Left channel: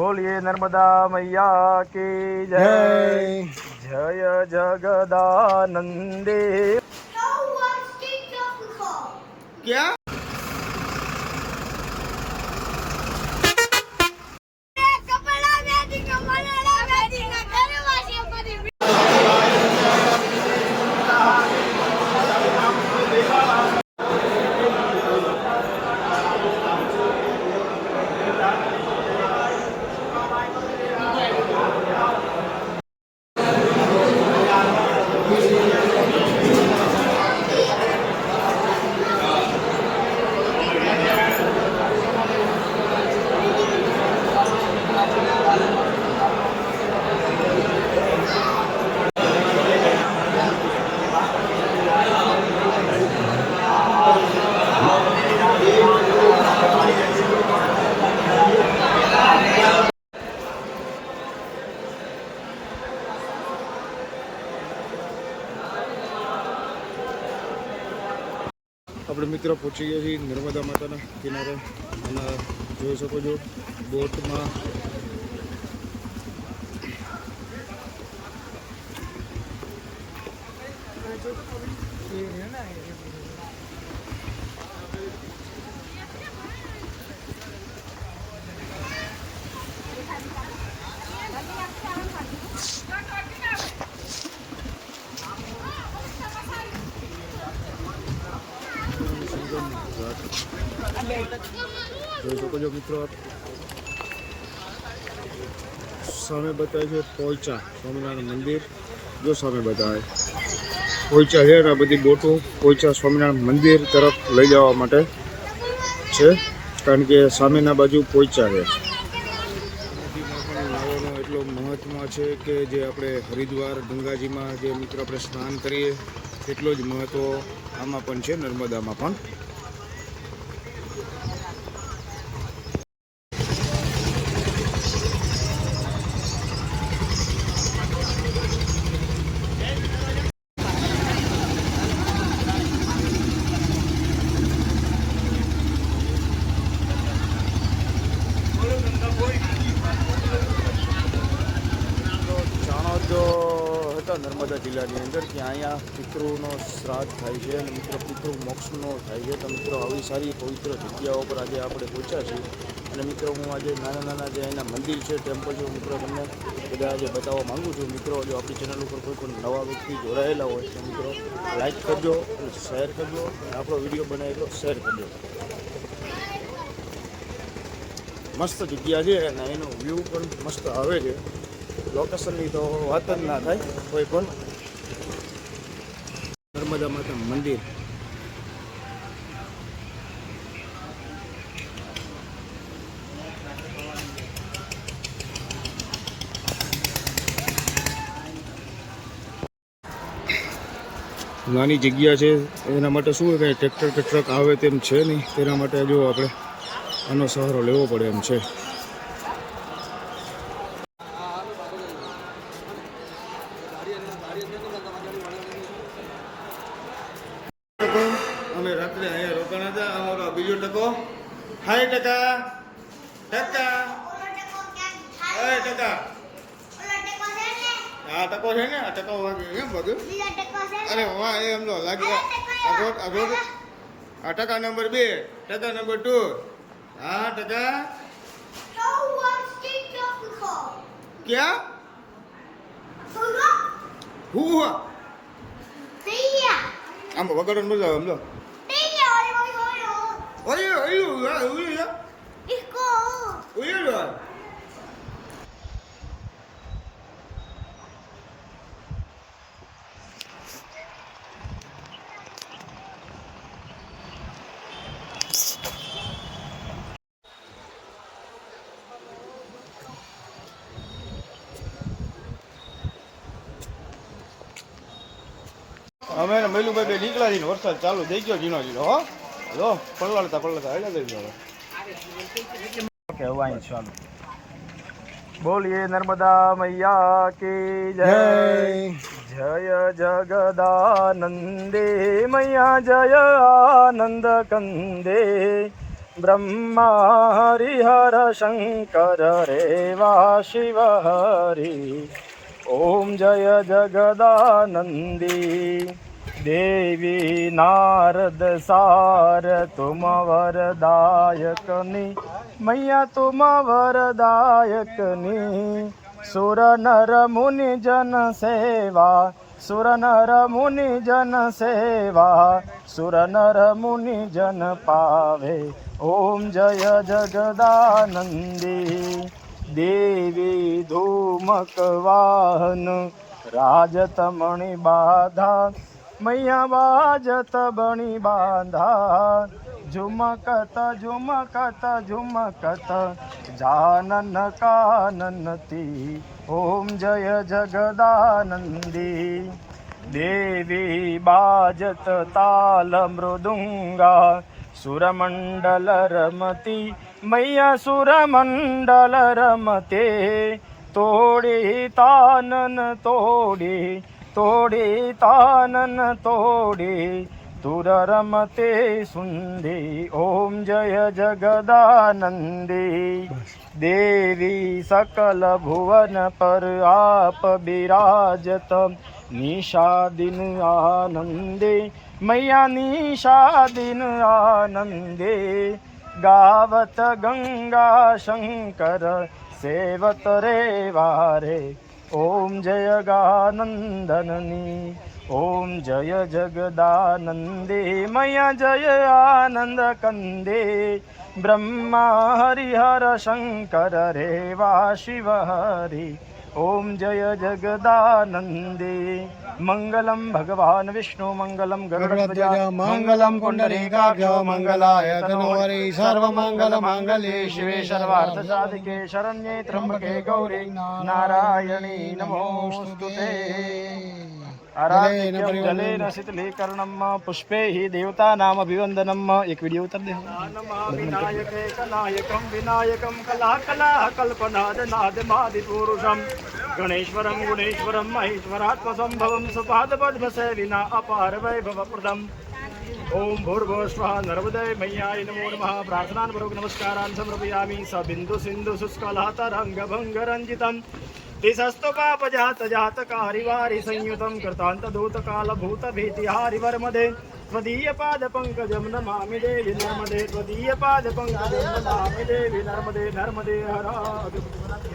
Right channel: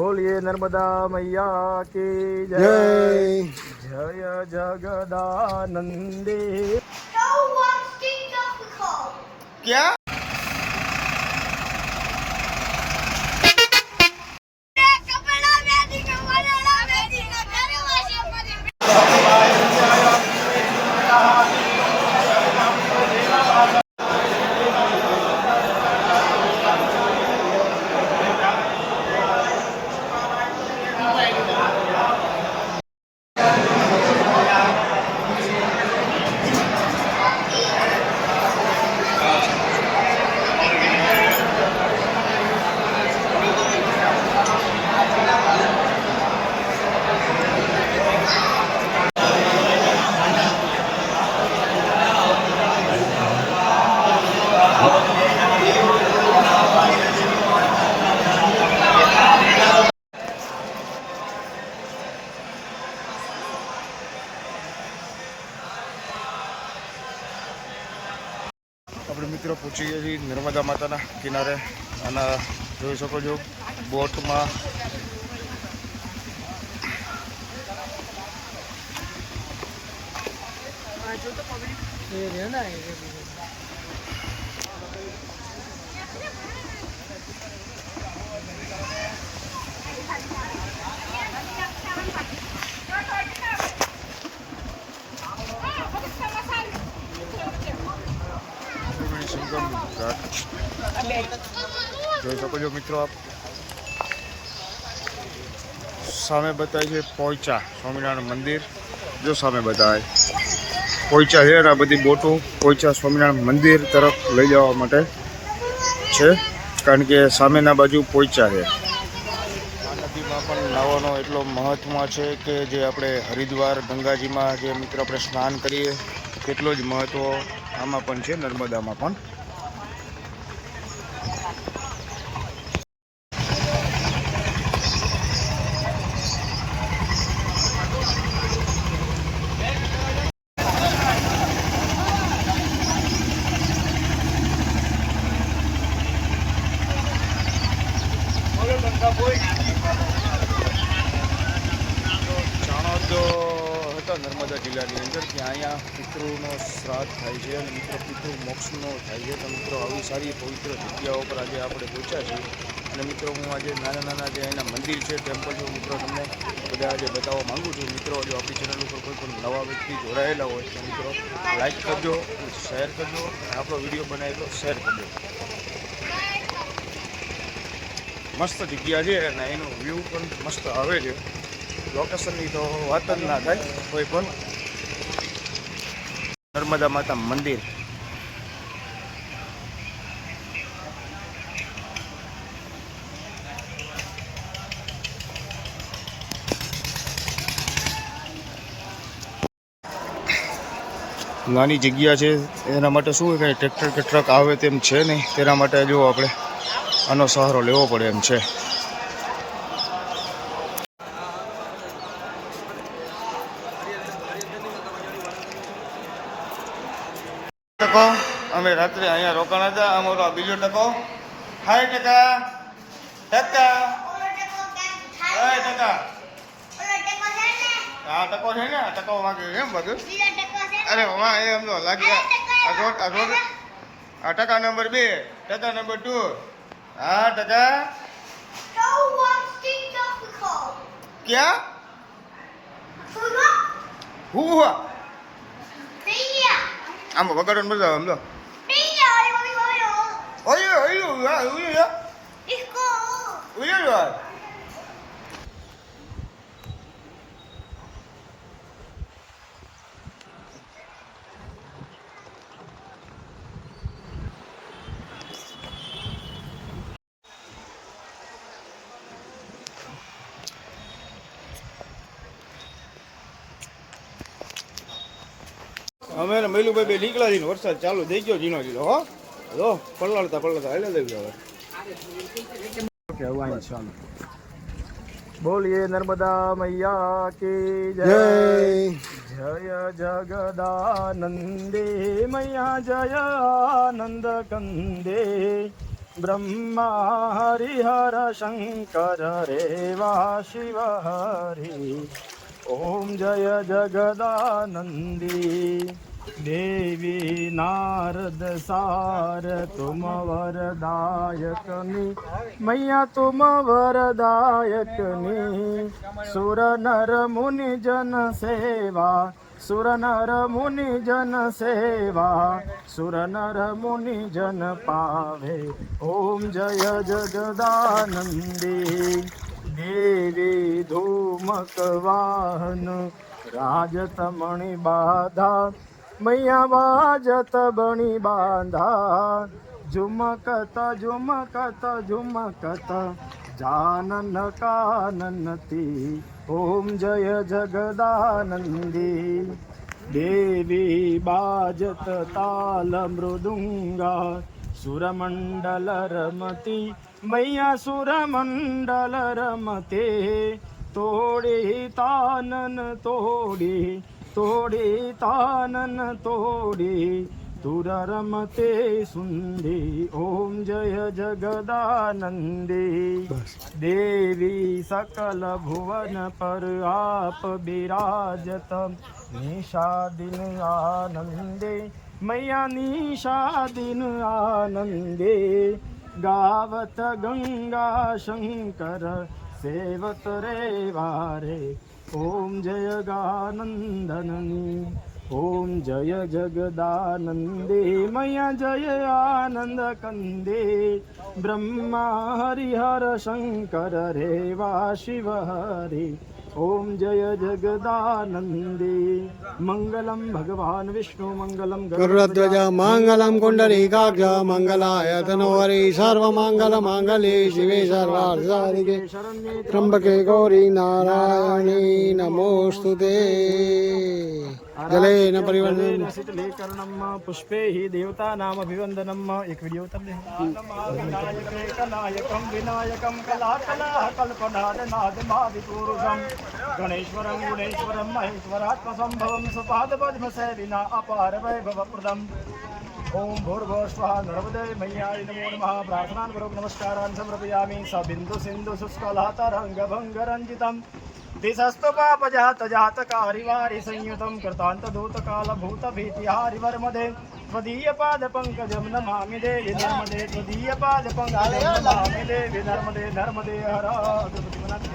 બોલીએ નર્મદા મૈયા કી જય જય જય જગદાનંદે No one stick up the call. ક્યાં કપડા મેદી કે મલેલા મેદી કે ઘરે વાસી પડી આપણે મિત્રો પહોંચી ગયા છીએ નર્મદા માતાના કિનારે. અને જોઈ શકો છો બોટમાં ત્રિવેણી સંગમ ઘાટ જોઈ શકો છો મિત્રો આપ. સામે બતાવે છે પોઈચા સ્વામિનારાયણ મંદિર. જો સામે બતાવે પોઈચા છે આ બધી બોટો પોઈચા સ્વામિનારાયણ મંદિર તરફ લઈ જવા માટે છે. કારણ કે સામેના બાજુ પોઈચા છે. આ નદીમાં પણ નાવાનો એટલો મહત્વ છે કે જે આપણે હરિદ્વાર, ગંગાજીમાં જે મિત્રો આપણે સ્નાન કરીએ, તેટલો જ મહત્વ આમાં પણ છે, નર્મદામાં પણ ચાણોદ હતા જિલ્લાની અંદર કે અહીંયા પિતૃનો શ્રાદ્ધ થાય છે અને મિત્રો પિતૃ મોક્ષનો થાય છે. તો મિત્રો, આવી સારી પવિત્ર જગ્યાઓ પર આજે આપણે પહોંચ્યા છીએ. અને મિત્રો, હું આજે નાના નાના જે એના મંદિર છે ટેમ્પલ છે મિત્રો તમને બધા આજે બતાવવા માંગુ છું. મિત્રો, જો આપણી ચેનલ ઉપર કોઈ પણ નવા વ્યક્તિ જોડાયેલા હોય, તો મિત્રો લાઈક કરજો શેર કરજો અને આપણો વીડિયો બનાવેલો શેર કરજો. મસ્ત જગ્યા છે અને એનો વ્યૂ પણ મસ્ત આવે છે. લોકેશનની તો વાત જ ના થાય, કોઈ પણ નર્મદા માતા મંદિર. નાની જગ્યા છે, એના માટે શું કંઈ ટ્રેક્ટર કે ટ્રક આવે તેમ છે નહીં, તેના માટે જો આપણે આનો સહારો લેવો પડે એમ છે. ટકો અમે રાત્રે અહીંયા રોકાણા હતા અમારો આ બીજો ટકો. હાય ટકા. ટકા. ટકો ક્યાં ટકા. છે ને આ ટકો છે ને આ ટકો વાગે એમ વાગ્યું છે ને અરે વાહ એ સમજો લાગી આ રોડ આ રોડ. આ ટકા નંબર બે ટકા નંબર ટુ. હા ટકા. ક્યાં? હું હુઆ. આમ વગાડો મજા આવે સમજો? ઓયો ઓયો ઓયો ઓયો ઓયો ઓયો અમે ને મૈલુભાઈ બે નીકળ્યા છીએ વરસાદ ચાલુ થઈ ગયો ઝીણો ઝીણો હો. જો પલળતા પલળતા હાલ્યા દેવી હવે. કહેવાય ચાલો બોલીએ નર્મદા મૈયા કી જય. જય. જગદાનંદે મૈયા જય આનંદ કંદે બ્રહ્મા હરિહર શંકર રેવા શિવ હરિ ઓમ જય જગદાનંદી. દેવી નારદ સાર, તુમ વરદાયકની, મૈયા તુમ વરદાયકની. સુર નર મુનિ જન સેવા, સુર નર મુનિ જન સેવા, સુર નર મુનિ જન પાવે. ઓમ જય જગદાનંદી. દેવી ધૂમક વાહન રાજત મણિ બાધા. મૈયા બાજત બણી બાંધા ઝુમકત ઝુમકત ઝુમકત. જાનન કાનનતી. ઓમ જય જગદાનંદી. દેવી બાજત તાલ મૃદુંગા સુરમંડલ રમતી, મૈયા સુરમંડલ રમતે. તોડી તાનન તોડી તોડી તાનન તોડી તુર રમતે સુંદી. ઓમ જય જગદાનંદી. દેવી સકલ ભુવન પર આપ બિરાજત નિષાદિન આનંદે મૈયા નિષાદિન આનંદે. ગાવત ગંગા શંકર સેવત રે વારે ઓમ જય ગાનંદનની ઓમ જય જગદાનંદે મયા જય આનંદ કંદે બ્રહ્મા હરિહર શંકર રેવા શિવ હરિ ઓમ જય जगदानन्दे। ભગવાન વિષ્ણુ મંગલમ ગરુડધ્વજ મંગલમ કુંડલીકાક્ષ મંગલાય તનોહરી સર્વમંગલ માંગલ્યે શિવે સર્વાર્થસાધિકે શરણ્યે ત્રંબકે ગૌરી નારાયણી નમોસ્તુતે જલેન પરિવર્તન શીતલે કર્ણમ પુષ્પૈः દેવતાનામભિવંદનમ એક વિડિયો ઉતર દે. વિનાયકે કનાયકમ વિનાયકમ કલા કલા કલ્પનાદ નાદ માદિ પુરુષમ ગણેશ્વરમ ગુણેશ્વરમ મહેશ્વરાત્મસંભવમ સુપાદ પદ્મ સેવિના અપાર વૈભવ પ્રદમ ઓમ ભૂર્ભુવ સ્વઃ નર્મદે મૈયાય નમો નમઃ. પ્રાર્થનાન પૂર્વક નમસ્કારાન સમર્પયામિ. સ બિંદુ સિંધુ શુષ્કલહ તરંગ ભંગ રંજિતમ. દિશસ્તુ પાપ જાત જાત કારિવારી સંયુતમ કૃતાંત नर्मदे કાલ ભૂત ભીતિ नर्मदे नर्मदे બનાવી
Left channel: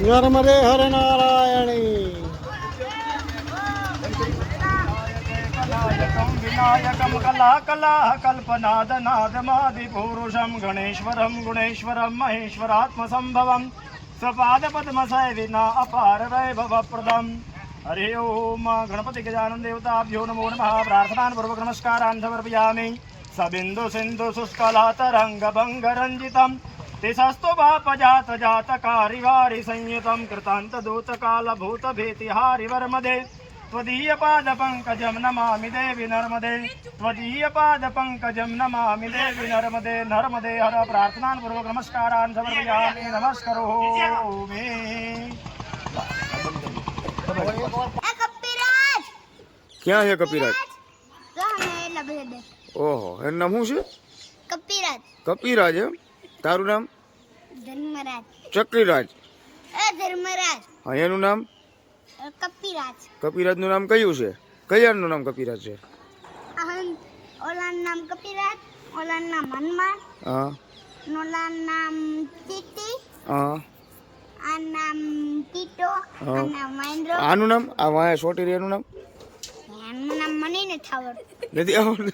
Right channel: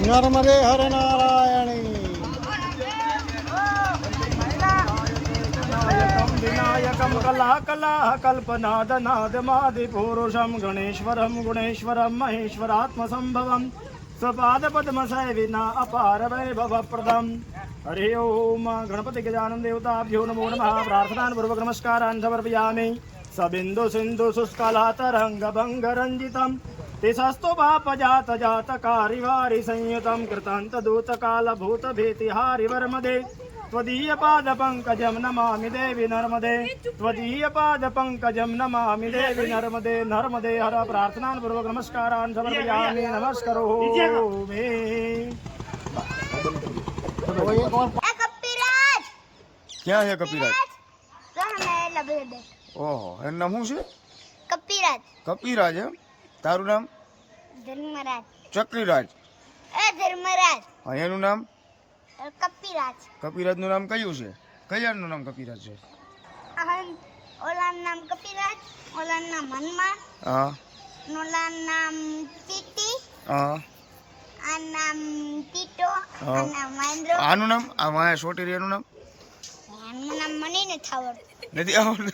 નર્મદે હર નારાયણી કલાયકમ વિનાયકમ કલા કલા કલ્પનાદ નાદમાદિ પુરુષમ ગણેશ્વરમ ગુણેશ્વરમ મહેશ્વરાત્મ સંભવમ સપાદ પદ્મ વિના અપાર વૈભવ પ્રદમ હરિ ઓમ ગણપતિ ગજાનન દેવતાભ્યો નમો નમઃ પ્રાર્થનાન પૂર્વક નમસ્કારાન સમર્પયામિ સબિંદુ પાદ પંકજમ નમામિ દેવી નર્મદે નર્મદે હર પ્રાર્થનાન પૂર્વક નમસ્કારાન સમર્પયામિ નમસ્કરો મે એ કપિરાજ ક્યાં છે કપિરાજ ઓહો એનું નામ શું છે કપિરાજ કપિરાજ એમ તારું નામ ધર્મરાજ ચક્રીરાજ ધર્મરાજ હા એનું નામ એ કપિરાજ. નું નામ કયું છે? કયારનું નામ કપિરાજ છે? ઓલાનું નામ કપિરાજ ઓલા નામ હનુમાન હા. ઓલાન નામ ચીટી હા. આ નામ ટીટો. આ નામ મહેન્દ્ર. આનું નામ? આ વાયા સોટેરી એનું નામ? એનું નામ મને નથી આવડતું નથી આવડતું.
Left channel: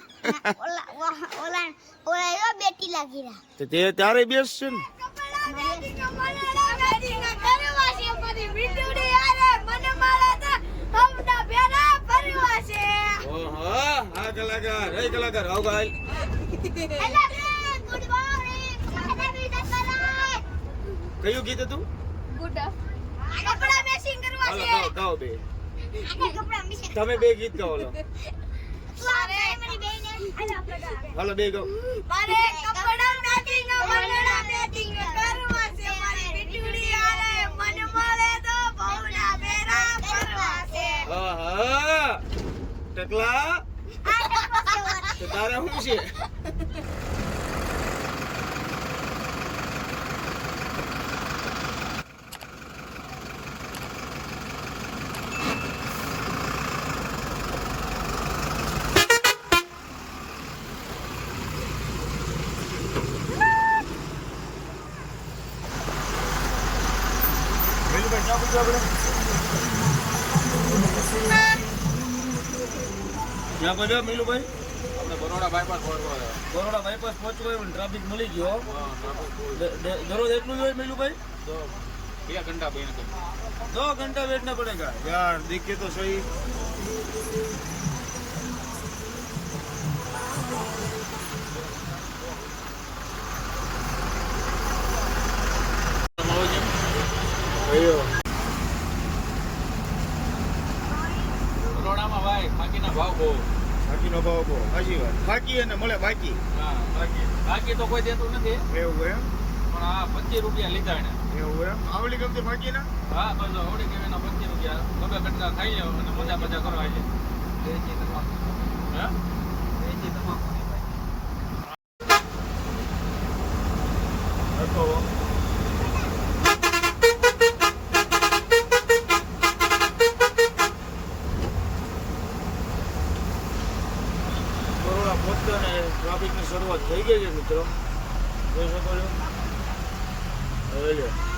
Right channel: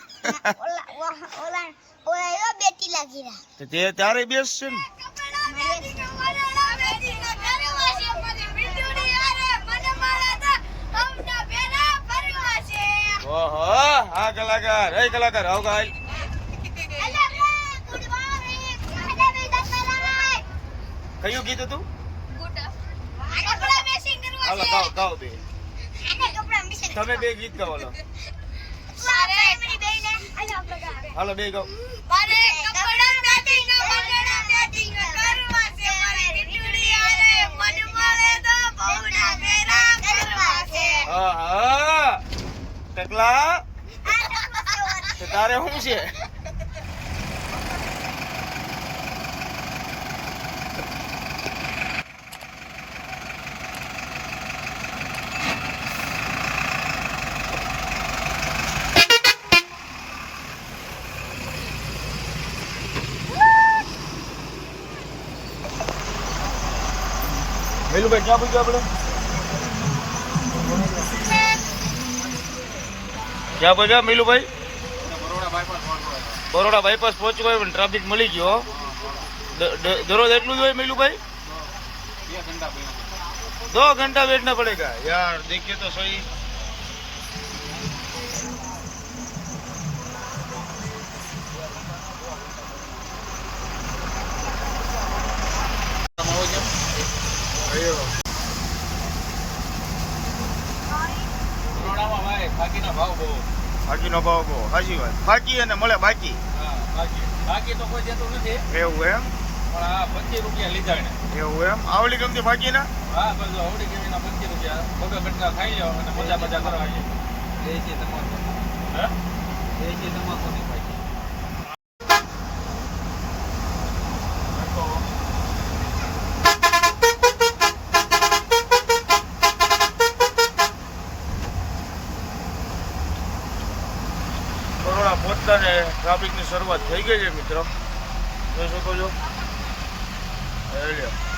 ઓલા ઓલા ઓલા ઓલા એવા બેટી લાગી રહ્યા. તે ત્યારે બેસ છે ને? ઓહો, હા કલાકાર, હે કલાકાર, આવ ગાલ કયું ગીત હતું? હાલો, ગાઓ ગાઓ બે. તમે બે ગીત ગાવ લો હાલો, બે ગૌ હા હા. ટકલા તારે શું છે? વેલુભાઈ ક્યાં પૂછ્યું આપણે જ્યાં બધા મિલુભાઈ? બરોડા બાયપાસ પહોંચવું હોય પણ ટ્રાફિક મળી ગયો દરરોજ એટલું જ હોય મિલુભાઈ? દો ઘંટા વેટના પડે કા? યાર દેખીએ તો સહી. ભાવ બહુ ભાવ બહુ હાજી વાત. ફાકી અને મળે બાકી. હા બાકી. બાકી તો કોઈ દેતું નથી. એવું એમ? પણ આ પચીસ રૂપિયા લીધા એને. એવું એમ? આવડી ગમતી ફાકી ના હા બસ આવડી કેવીના પચીસ રૂપિયા. બબે બેટકા ખાઈ લો અને મજા મજા કરવા જાય. દેશી તમાકુ હે? દેશી તમાકુ બરોડા પહોંચતા ને ટ્રાફિકની શરૂઆત થઈ ગઈ છે મિત્રો. જોઈ શકો છો? લ્યો.